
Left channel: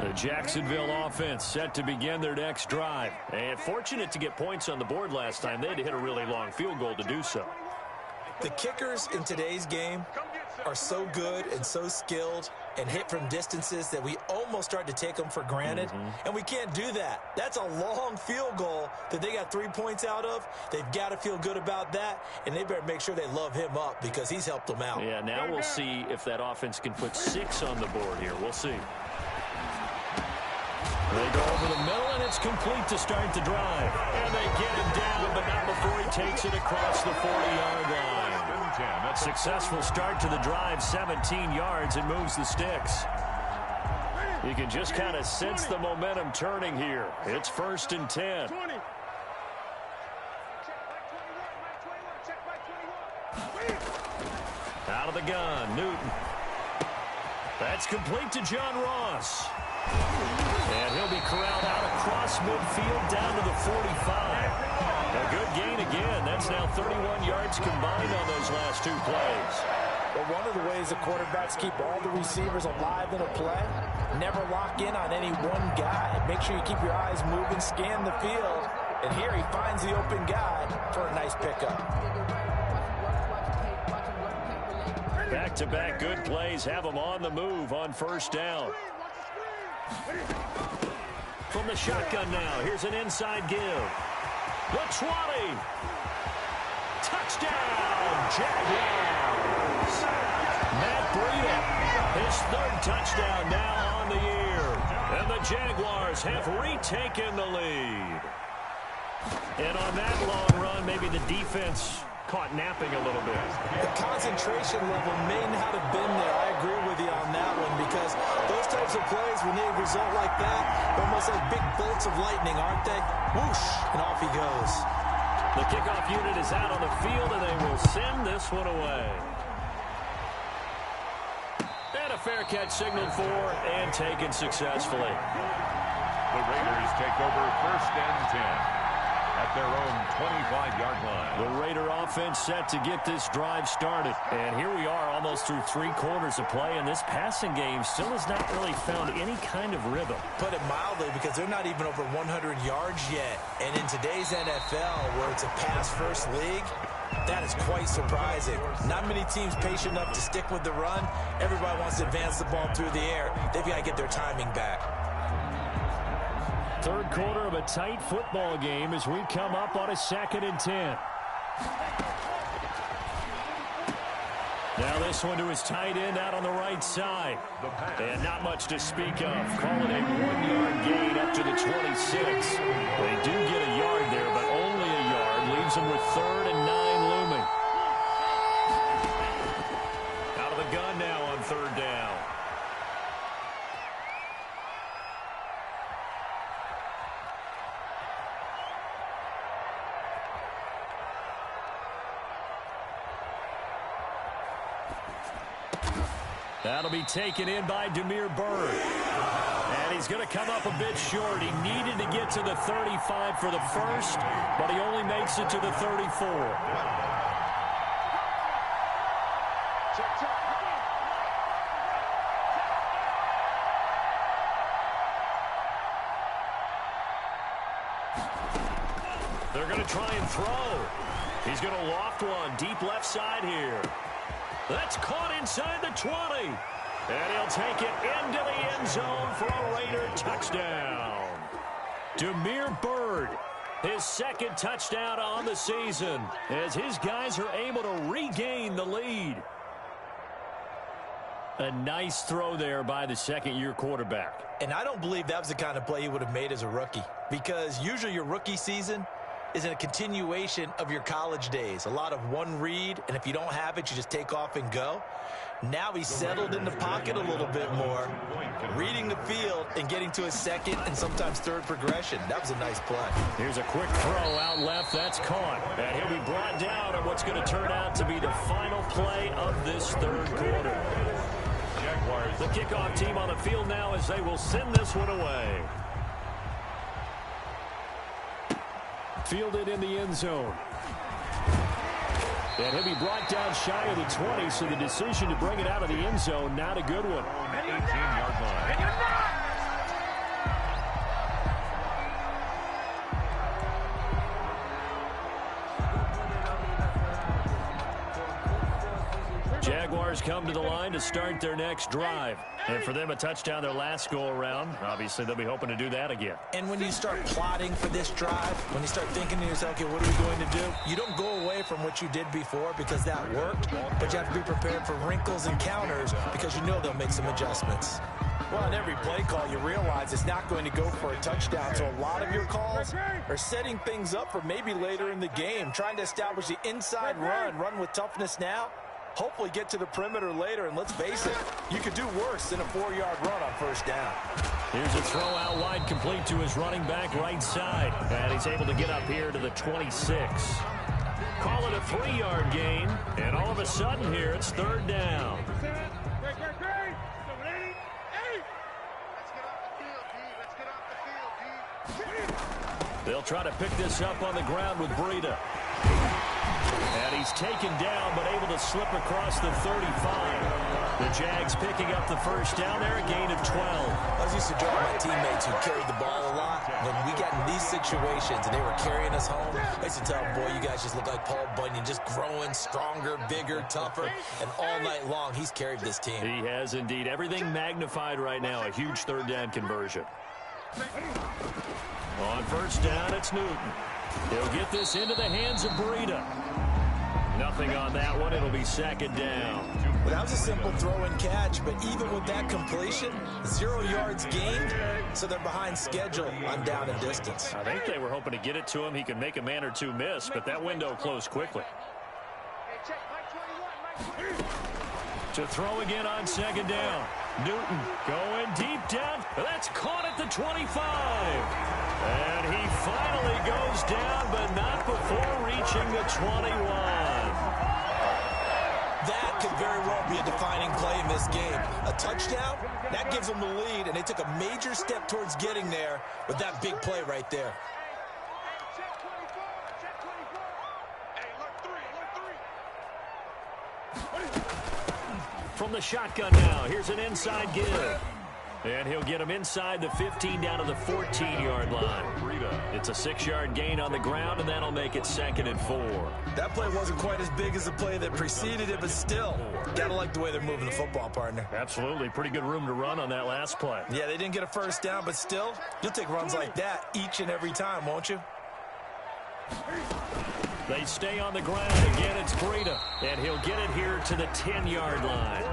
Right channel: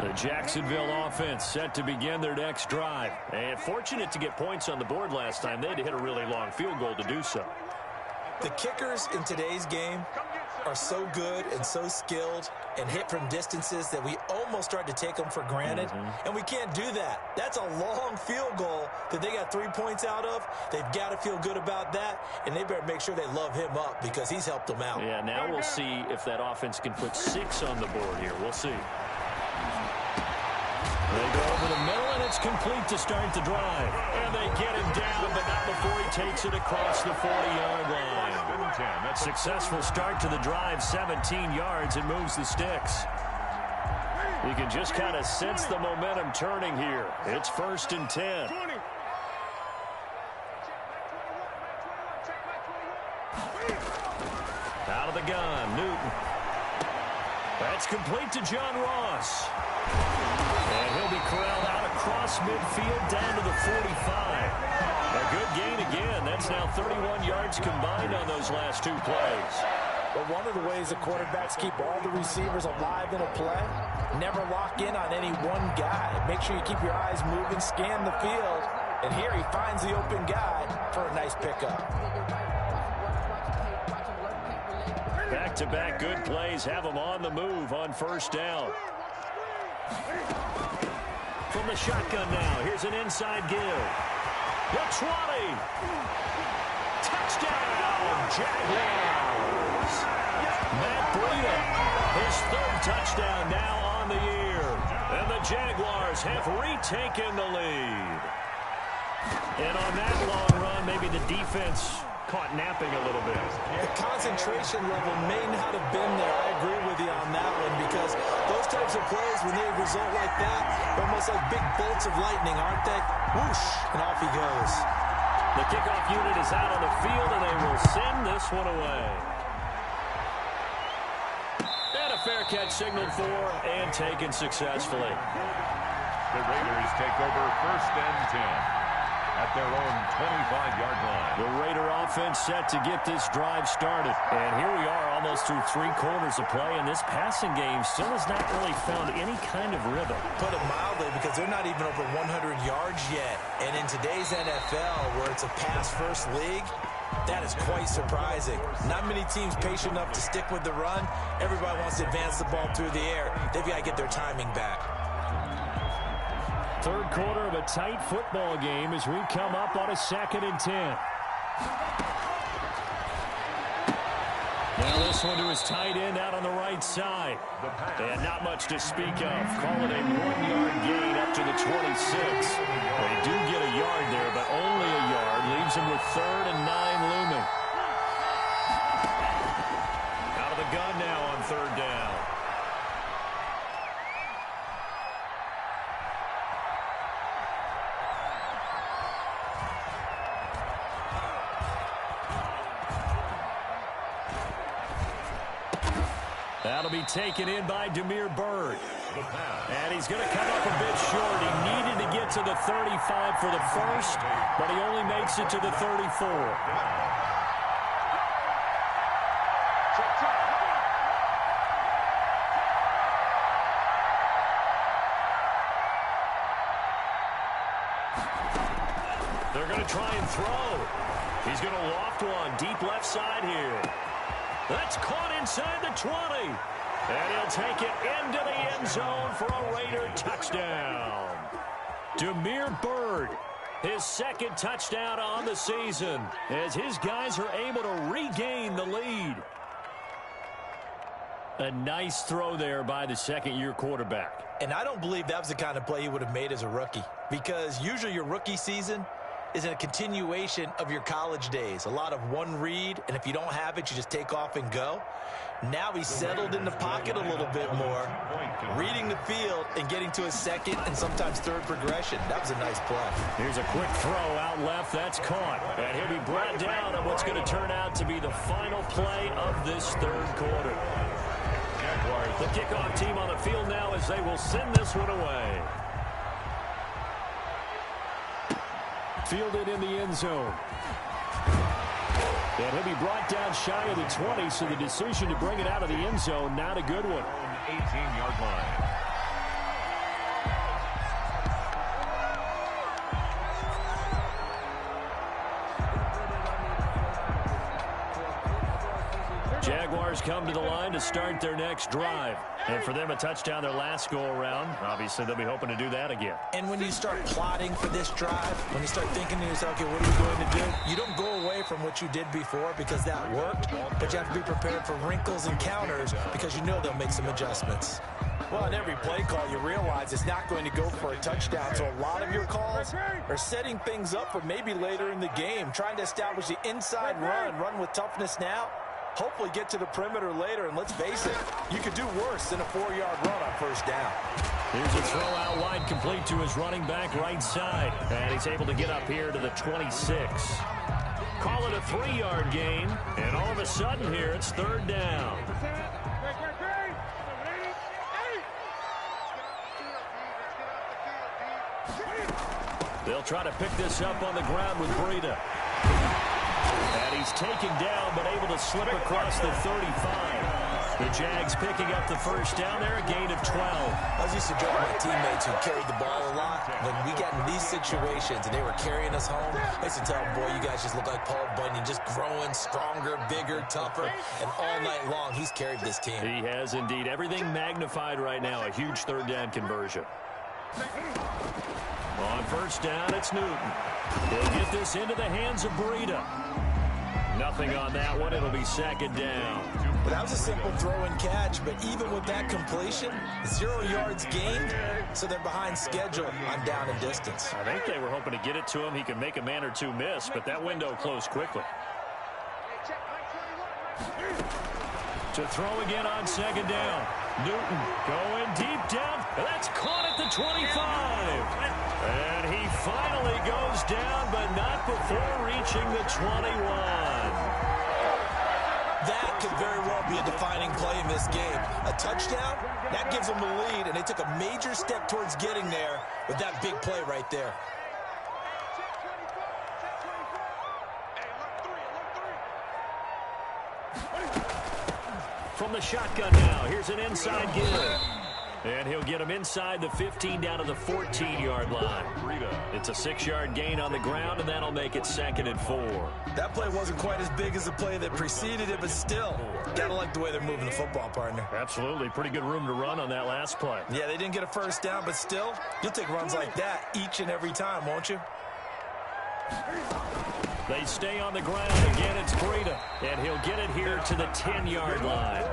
The Jacksonville offense set to begin their next drive. And fortunate to get points on the board last time. They had to hit a really long field goal to do so. The kickers in today's game are so good and so skilled and hit from distances that we almost start to take them for granted. And we can't do that. That's a long field goal that they got 3 points out of. They've got to feel good about that, and they better make sure they love him up because he's helped them out. Yeah, now we'll see if that offense can put 6 on the board here. We'll see. They go over the middle, and it's complete to start the drive. And they get him down, but not before he takes it across the 40-yard line. Successful start to the drive, 17 yards, and moves the sticks. You can just kind of sense the momentum turning here. It's 1st and 10. Out of the gun, Newton. That's complete to John Ross. And he'll be corralled out across midfield down to the 45. A good gain again. That's now 31 yards combined on those last 2 plays. But one of the ways the quarterbacks keep all the receivers alive in a play, never lock in on any one guy. Make sure you keep your eyes moving, scan the field. And here he finds the open guy for a nice pickup. Back-to-back good plays have him on the move on 1st down. From the shotgun now, here's an inside give. The 20. Touchdown, Jaguars. Matt Breida, his 3rd touchdown now on the year. And the Jaguars have retaken the lead. And on that long run, maybe the defense caught napping a little bit. The concentration level may not have been there. I agree with you on that one because those types of plays, when they result like that, they're almost like big bolts of lightning, aren't they? Whoosh, and off he goes. The kickoff unit is out on the field, and they will send this one away. And a fair catch signaled for and taken successfully. The Raiders take over 1st and 10. At their own 25-yard line. The Raider offense set to get this drive started. And here we are almost through 3 quarters of play, and this passing game still has not really found any kind of rhythm. Put it mildly, because they're not even over 100 yards yet. And in today's NFL, where it's a pass-first league, that is quite surprising. Not many teams patient enough to stick with the run. Everybody wants to advance the ball through the air. They've got to get their timing back. 3rd quarter of a tight football game as we come up on a 2nd and 10. Now this one to his tight end out on the right side. And not much to speak of. Call it a 1-yard gain up to the 26. They do get a yard there, but only a yard. Leaves them with 3rd and 9 looming. Out of the gun now on 3rd down. That'll be taken in by Demir Bird. And he's going to come up a bit short. He needed to get to the 35 for the first, but he only makes it to the 34. They're going to try and throw. He's going to loft one deep left side here. That's caught inside the 20. And he'll take it into the end zone for a Raider touchdown. Demir Bird, his second touchdown on the season, as his guys are able to regain the lead. A nice throw there by the second-year quarterback. And I don't believe that was the kind of play he would have made as a rookie, because usually your rookie season is a continuation of your college days. A lot of one read, and if you don't have it, you just take off and go. Now he's settled in the pocket a little bit more, reading the field and getting to his second and sometimes third progression. That was a nice play. Here's a quick throw out left. That's caught. And he'll be brought down on what's going to turn out to be the final play of this third quarter. Jaguars, the kickoff team on the field now as they will send this one away. Fielded in the end zone. And he'll be brought down shy of the 20, so the decision to bring it out of the end zone, not a good one. 18-yard line. Jaguars come to the line to start their next drive. And for them, a touchdown their last go-around. Obviously, they'll be hoping to do that again. And when you start plotting for this drive, when you start thinking to yourself, okay, what are we going to do? You don't go away from what you did before because that worked, but you have to be prepared for wrinkles and counters because you know they'll make some adjustments. Well, in every play call, you realize it's not going to go for a touchdown, so a lot of your calls are setting things up for maybe later in the game, trying to establish the inside run with toughness now. Hopefully get to the perimeter later, and let's face it, you could do worse than a 4-yard run on first down. Here's a throw out wide, complete to his running back right side. And he's able to get up here to the 26. Call it a 3-yard gain, and all of a sudden here, it's third down. They'll try to pick this up on the ground with Breida. And he's taken down, but able to slip across the 35. The Jags picking up the first down there, a gain of 12. I was used to joke with my teammates who carried the ball a lot. When we got in these situations and they were carrying us home, I used to tell them, boy, you guys just look like Paul Bunyan, just growing stronger, bigger, tougher. And all night long, he's carried this team. He has indeed. Everything magnified right now, a huge third down conversion. On first down, it's Newton. He'll get this into the hands of Breida. Nothing on that one. It'll be second down. Well, that was a simple throw and catch, but even with that completion, 0 yards gained, so they're behind schedule on down and distance. I think they were hoping to get it to him. He could make a man or two miss, but that window closed quickly. To throw again on second down. Newton going deep down. That's caught at the 25. And he finally goes down, but not before reaching the 21. That could very well be a defining play in this game. A touchdown, that gives them the lead, and they took a major step towards getting there with that big play right there. From the shotgun now, here's an inside give. And he'll get him inside the 15 down to the 14-yard line. It's a 6-yard gain on the ground, and that'll make it 2nd and 4. That play wasn't quite as big as the play that preceded it, but still, gotta like the way they're moving the football, partner. Absolutely. Pretty good room to run on that last play. Yeah, they didn't get a first down, but still, you'll take runs like that each and every time, won't you? They stay on the ground. Again, it's Breida, and he'll get it here to the 10-yard line.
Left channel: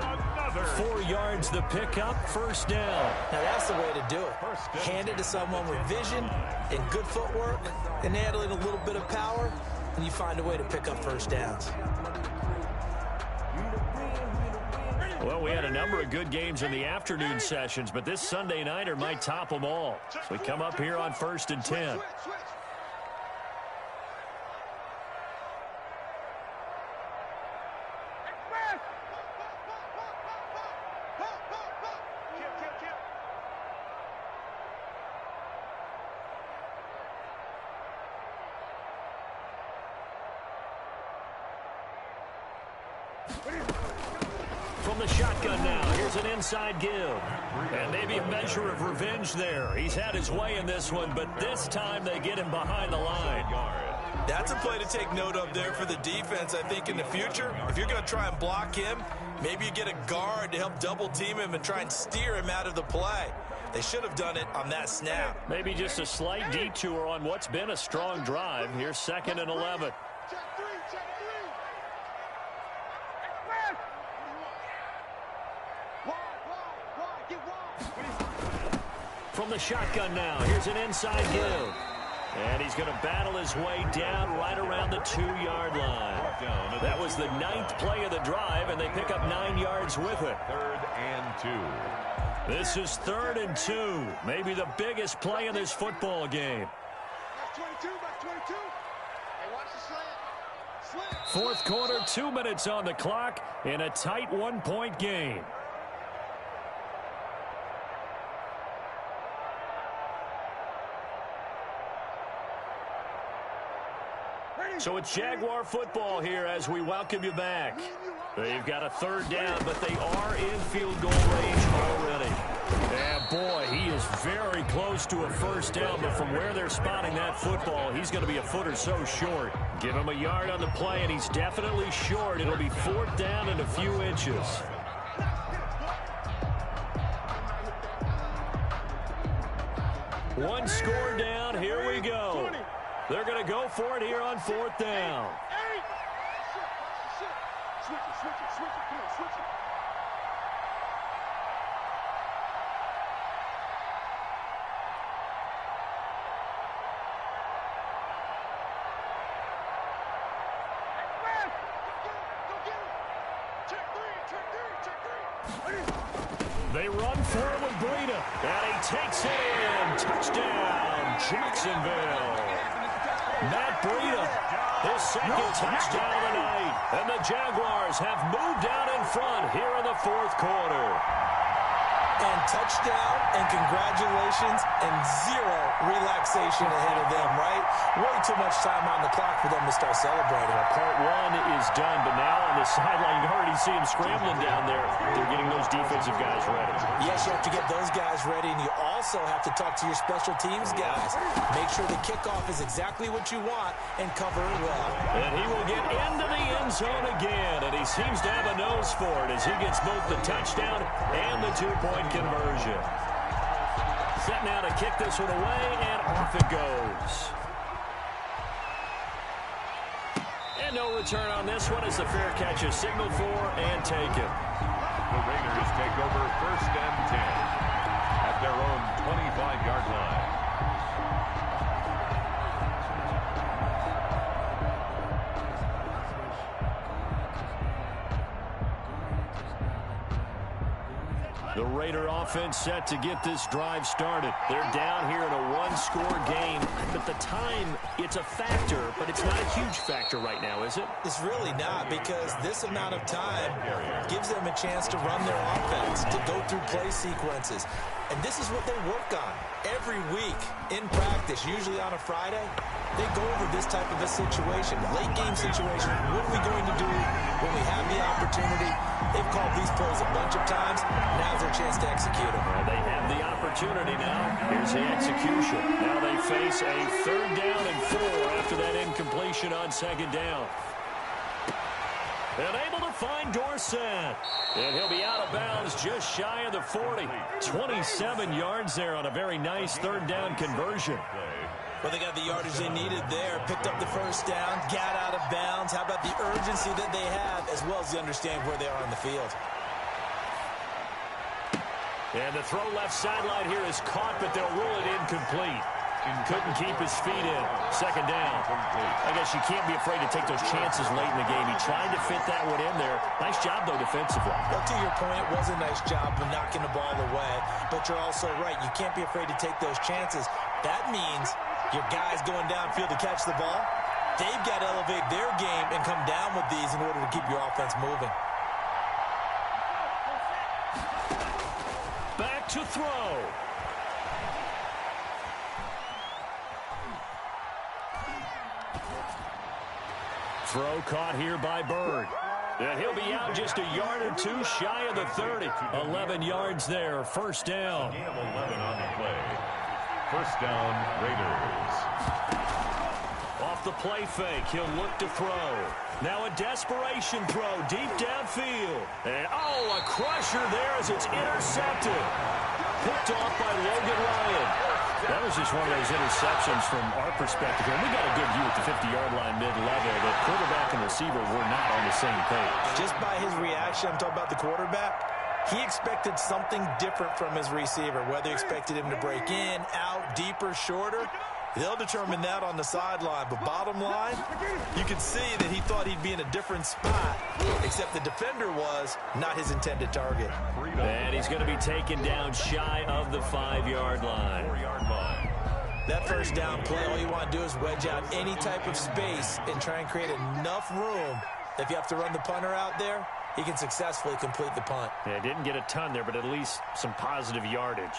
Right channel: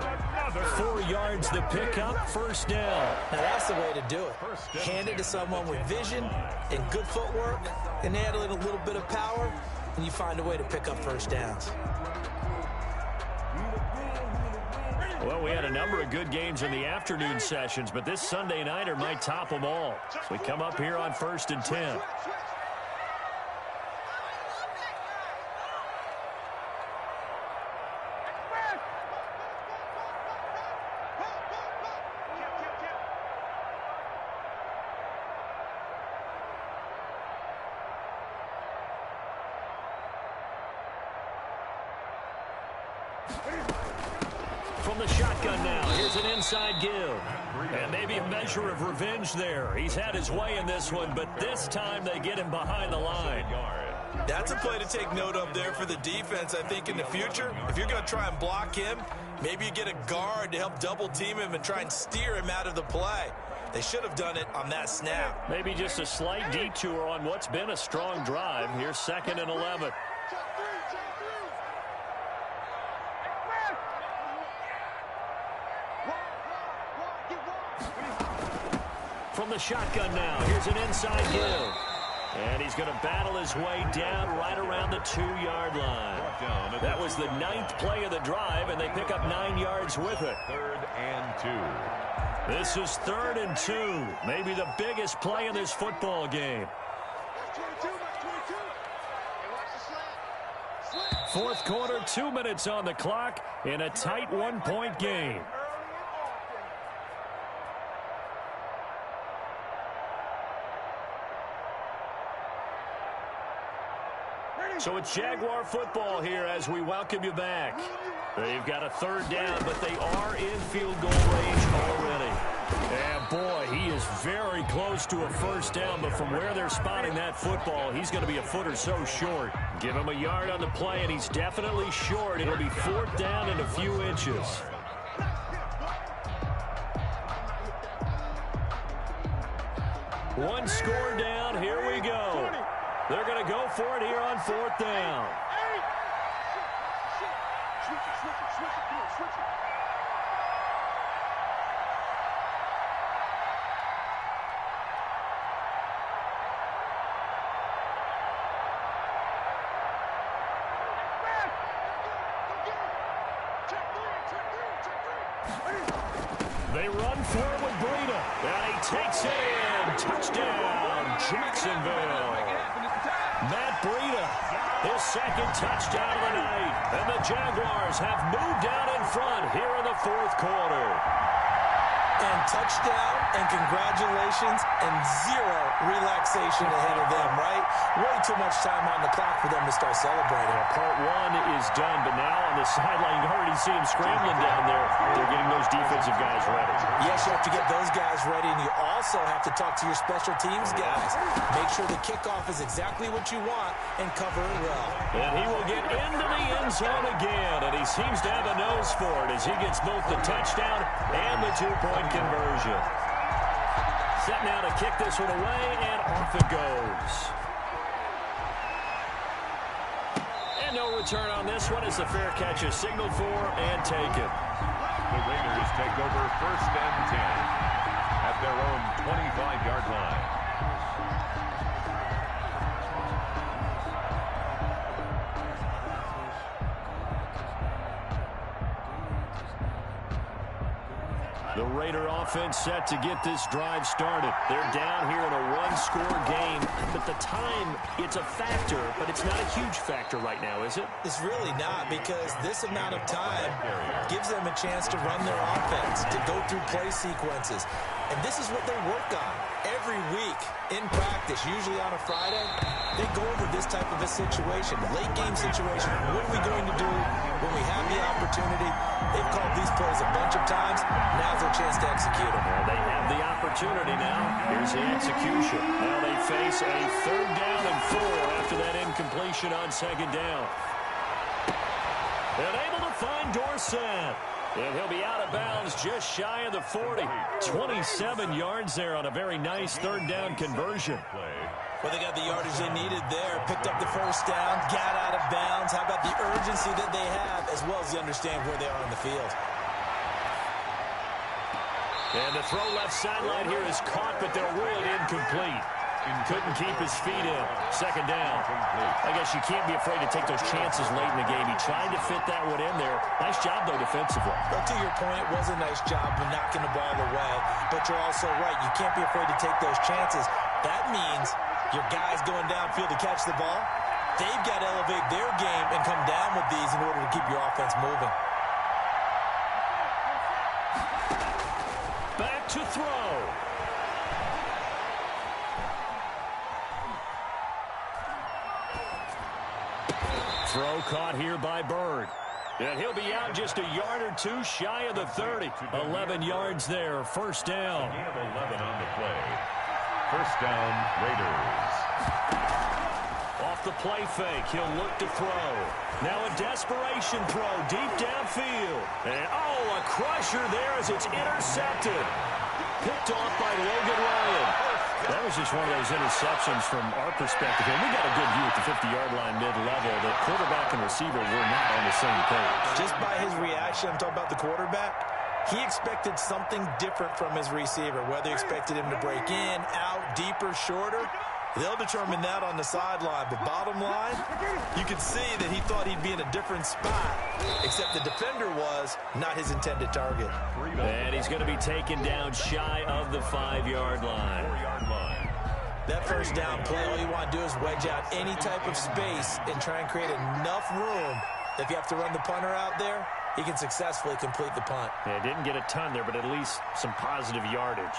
4 yards the pickup, first down. Now that's the way to do it. Hand it to someone with vision and good footwork, and add in a little bit of power, and you find a way to pick up first downs. Well, we had a number of good games in the afternoon sessions, but this Sunday nighter might top them all. So we come up here on 1st and 10. From the shotgun now, here's an inside give. And maybe a measure of revenge there. He's had his way in this one, but this time they get him behind the line. That's a play to take note of there for the defense, I think, in the future. If you're going to try and block him, maybe you get a guard to help double-team him and try and steer him out of the play. They should have done it on that snap. Maybe just a slight detour on what's been a strong drive. Here's 2nd and 11. From the shotgun now, here's an inside give. And he's going to battle his way down right around the 2-yard line. That was the 9th play of the drive, and they pick up 9 yards with it. 3rd and 2. This is 3rd and 2. Maybe the biggest play in this football game. That's 22. Hey, watch the slant. Fourth quarter, 2 minutes on the clock in a tight 1-point game. So it's Jaguar football here as we welcome you back. They've got a 3rd down, but they are in field goal range already. And boy, he is very close to a 1st down, but from where they're spotting that football, he's going to be a foot or so short. Give him a yard on the play, and he's definitely short. It'll be 4th down and a few inches. One score down. Here we go. They're going to go for it here on 4th down. Switch it. Come on, switch it. Go get him. Check three. They run for it with Breida. And he takes it in. Touchdown, Jacksonville. Matt Breida, his 2nd touchdown of the night. And the Jaguars have moved out in front here in the 4th quarter. And touchdown, and congratulations, and 0 relaxation ahead of them, right? Way too much time on the clock for them to start celebrating. Yeah, part 1 is done, but now on the sideline, you already see him scrambling down there. They're getting those defensive guys ready. Yes, you have to get those guys ready, and you also have to talk to your special teams guys. Make sure the kickoff is exactly what you want and cover it well. And he will get into the end zone again, and he seems to have a nose for it as he gets both the touchdown and the 2-point conversion. Set now to kick this one away, and off it goes. And no return on this one as the fair catch is signaled for and taken. The Raiders take over 1st and 10 at their own 25-yard line. The Raider offense set to get this drive started. They're down here in a 1-score game, but the time, it's a factor, but it's not a huge factor right now, is it? It's really not, because this amount of time gives them a chance to run their offense, to go through play sequences. And this is what they work on every week in practice, usually on a Friday. They go over this type of a situation, late game situation. What are we going to do when we have the opportunity? They've called these plays a bunch of times. Now's their chance to execute them. Well, they have the opportunity now. Here's the execution. Now they face a 3rd down and 4 after that incompletion on 2nd down. And able to find Dorsett. And he'll be out of bounds just shy of the 40. 27 yards there on a very nice 3rd down conversion. Well, they got the yardage they needed there. Picked up the 1st down, got out of bounds. How about the urgency that they have, as well as the understanding where they are on the field. And the throw left sideline here is caught, but they'll rule it incomplete. Couldn't keep his feet in. 2nd down. I guess you can't be afraid to take those chances late in the game. He tried to fit that one in there. Nice job, though, defensively. Well, to your point, it was a nice job of knocking the ball away. But you're also right. You can't be afraid to take those chances. That means your guys going downfield to catch the ball, they've got to elevate their game and come down with these in order to keep your offense moving. Back to throw. Throw caught here by Bird. And he'll be out just a yard or two shy of the 30. 11 yards there, first down. Gain of 11 on the play. First down, Raiders. Off the play fake, he'll look to throw. Now a desperation throw deep downfield. And, a crusher there as it's intercepted. Picked off by Logan Ryan. That was just one of those interceptions from our perspective here. We got a good view at the 50-yard line mid-level. The quarterback and receiver were not on the same page. Just by his reaction, I'm talking about the quarterback, he expected something different from his receiver, whether he expected him to break in, out, deeper, shorter. They'll determine that on the sideline. But bottom line, you can see that he thought he'd be in a different spot, except the defender was not his intended target. And he's going to be taken down shy of the 5-yard line. 4-yard line. That first down play, all you want to do is wedge out any type of space and try and create enough room that if you have to run the punter out there, he can successfully complete the punt. Yeah, didn't get a ton there, but at least some positive yardage.